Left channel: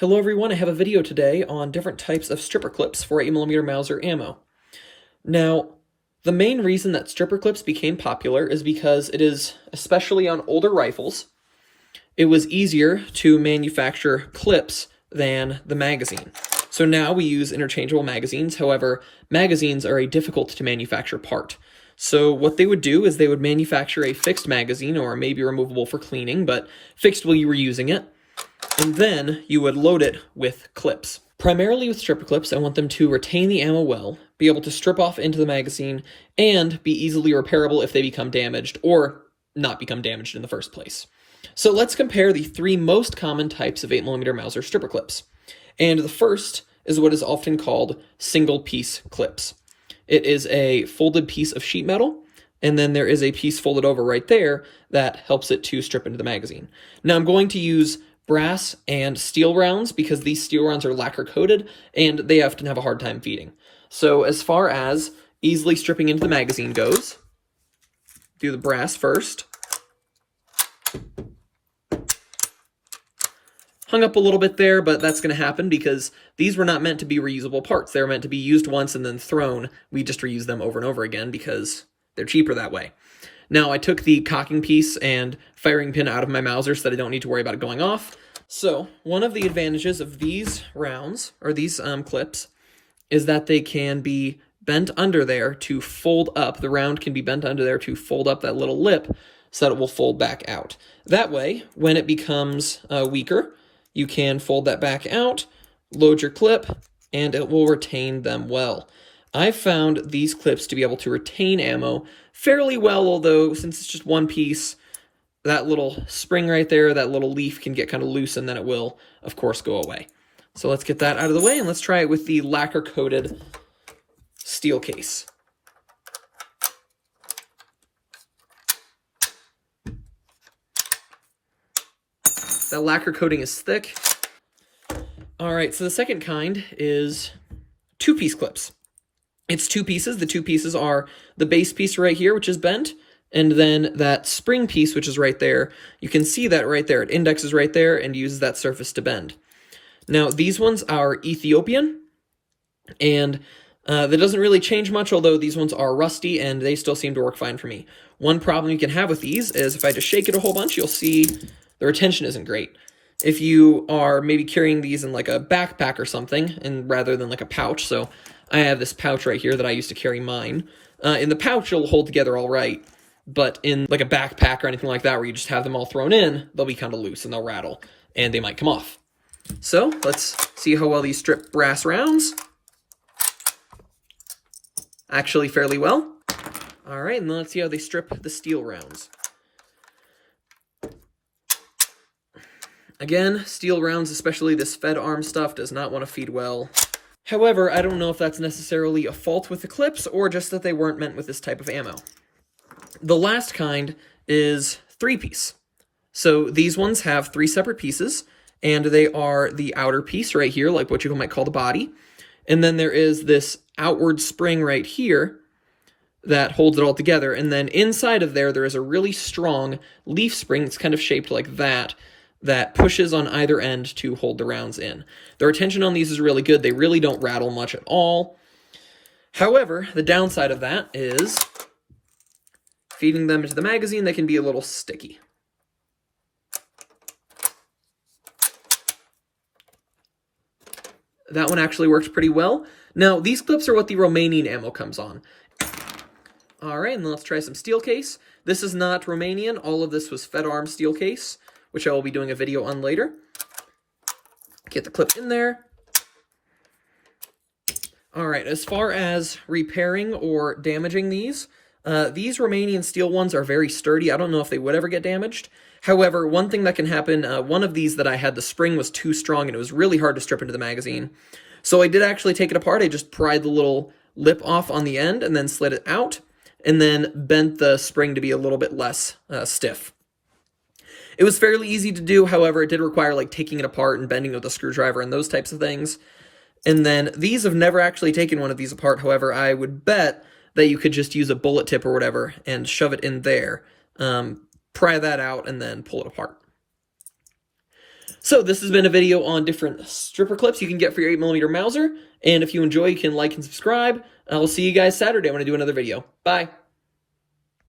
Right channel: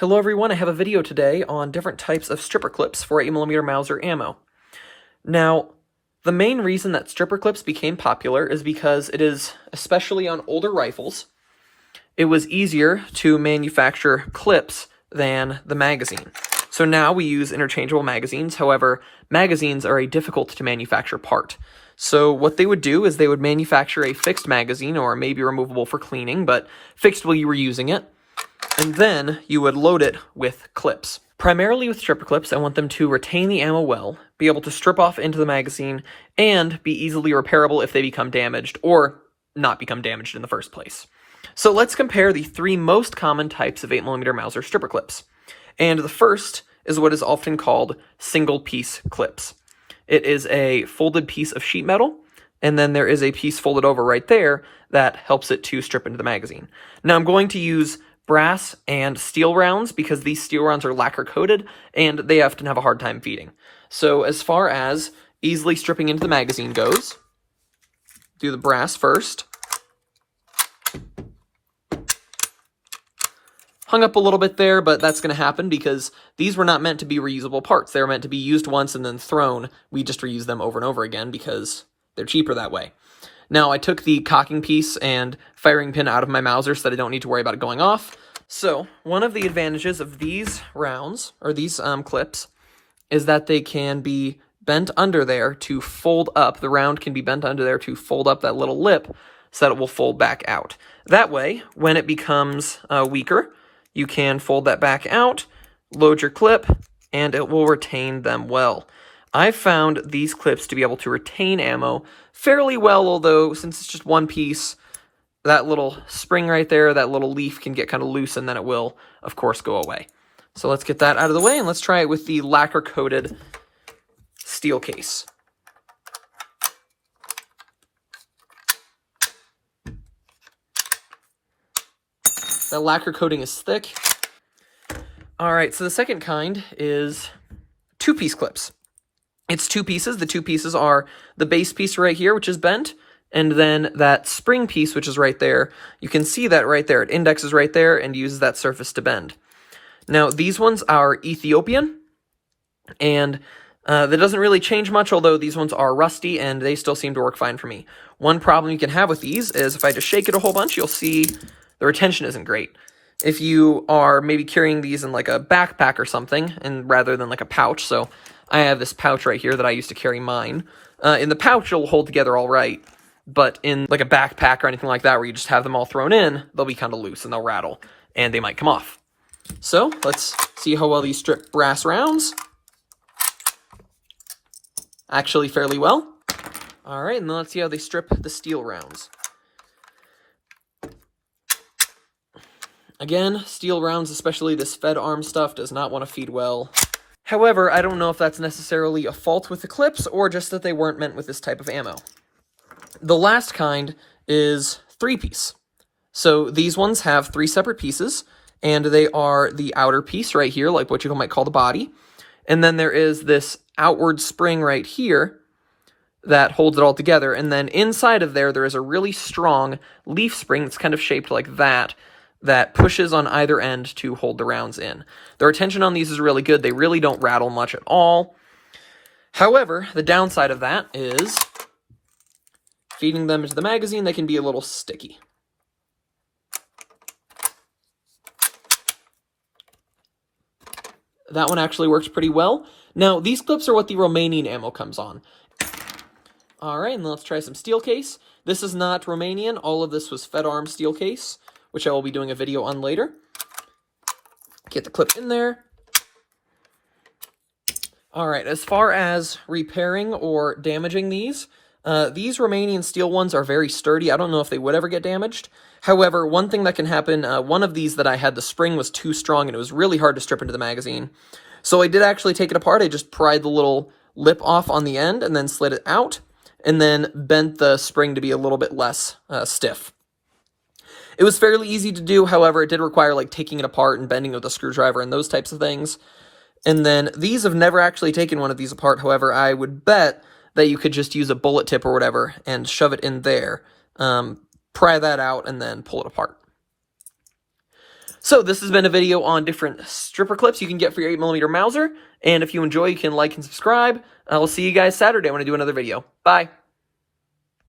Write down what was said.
Hello everyone, I have a video today on different types of stripper clips for 8mm Mauser ammo. Now, the main reason that stripper clips became popular is because it is, especially on older rifles, it was easier to manufacture clips than the magazine. So now we use interchangeable magazines, however, magazines are a difficult to manufacture part. So what they would do is they would manufacture a fixed magazine, or maybe removable for cleaning, but fixed while you were using it, and then you would load it with clips. Primarily with stripper clips, I want them to retain the ammo well, be able to strip off into the magazine, and be easily repairable if they become damaged, or not become damaged in the first place. So let's compare the three most common types of 8mm Mauser stripper clips. And the first is what is often called single-piece clips. It is a folded piece of sheet metal, and then there is a piece folded over right there that helps it to strip into the magazine. Now I'm going to use brass and steel rounds because these steel rounds are lacquer coated and they often have a hard time feeding. So as far as easily stripping into the magazine goes, do the brass first. Hung up a little bit there, but that's going to happen because these were not meant to be reusable parts. They were meant to be used once and then thrown. We just reuse them over and over again because they're cheaper that way. Now, I took the cocking piece and firing pin out of my Mauser so that I don't need to worry about it going off. So, one of the advantages of these rounds, or these clips, is that they can be bent under there to fold up. The round can be bent under there to fold up that little lip so that it will fold back out. That way, when it becomes weaker, you can fold that back out, load your clip, and it will retain them well. I've found these clips to be able to retain ammo fairly well, although since it's just one piece, that little spring right there, that little leaf can get kind of loose and then it will, of course, go away. So let's get that out of the way and let's try it with the lacquer-coated steel case. That lacquer coating is thick. All right, so the second kind is two-piece clips. It's two pieces. The two pieces are the base piece right here, which is bent, and then that spring piece, which is right there. You can see that right there. It indexes right there and uses that surface to bend. Now, these ones are Ethiopian, and that doesn't really change much, although these ones are rusty, and they still seem to work fine for me. One problem you can have with these is if I just shake it a whole bunch, you'll see the retention isn't great. If you are maybe carrying these in like a backpack or something, and rather than like a pouch, so I have this pouch right here that I used to carry mine. In the pouch, it'll hold together all right, but in like a backpack or anything like that where you just have them all thrown in, they'll be kind of loose and they'll rattle, and they might come off. So let's see how well these strip brass rounds. Actually fairly well. All right, and then let's see how they strip the steel rounds. Again, steel rounds, especially this fed arm stuff, does not want to feed well. However, I don't know if that's necessarily a fault with the clips or just that they weren't meant with this type of ammo. The last kind is three-piece. So these ones have three separate pieces, and they are the outer piece right here, like what you might call the body. And then there is this outward spring right here that holds it all together. And then inside of there, there is a really strong leaf spring that's kind of shaped like that pushes on either end to hold the rounds in. The retention on these is really good. They really don't rattle much at all. However, the downside of that is feeding them into the magazine, they can be a little sticky. That one actually works pretty well. Now, these clips are what the Romanian ammo comes on. All right, and then let's try some steel case. This is not Romanian. All of this was fed arm steel case, which I will be doing a video on later. Get the clip in there. All right, as far as repairing or damaging these Romanian steel ones are very sturdy. I don't know if they would ever get damaged. However, one thing that can happen, one of these that I had, the spring was too strong and it was really hard to strip into the magazine. So I did actually take it apart. I just pried the little lip off on the end and then slid it out and then bent the spring to be a little bit less stiff. It was fairly easy to do, however, it did require like taking it apart and bending with a screwdriver and those types of things. And then these have never actually taken one of these apart, however, I would bet that you could just use a bullet tip or whatever and shove it in there, pry that out, and then pull it apart. So this has been a video on different stripper clips you can get for your 8mm Mauser. And if you enjoy, you can like and subscribe. I will see you guys Saturday when I do another video. Bye.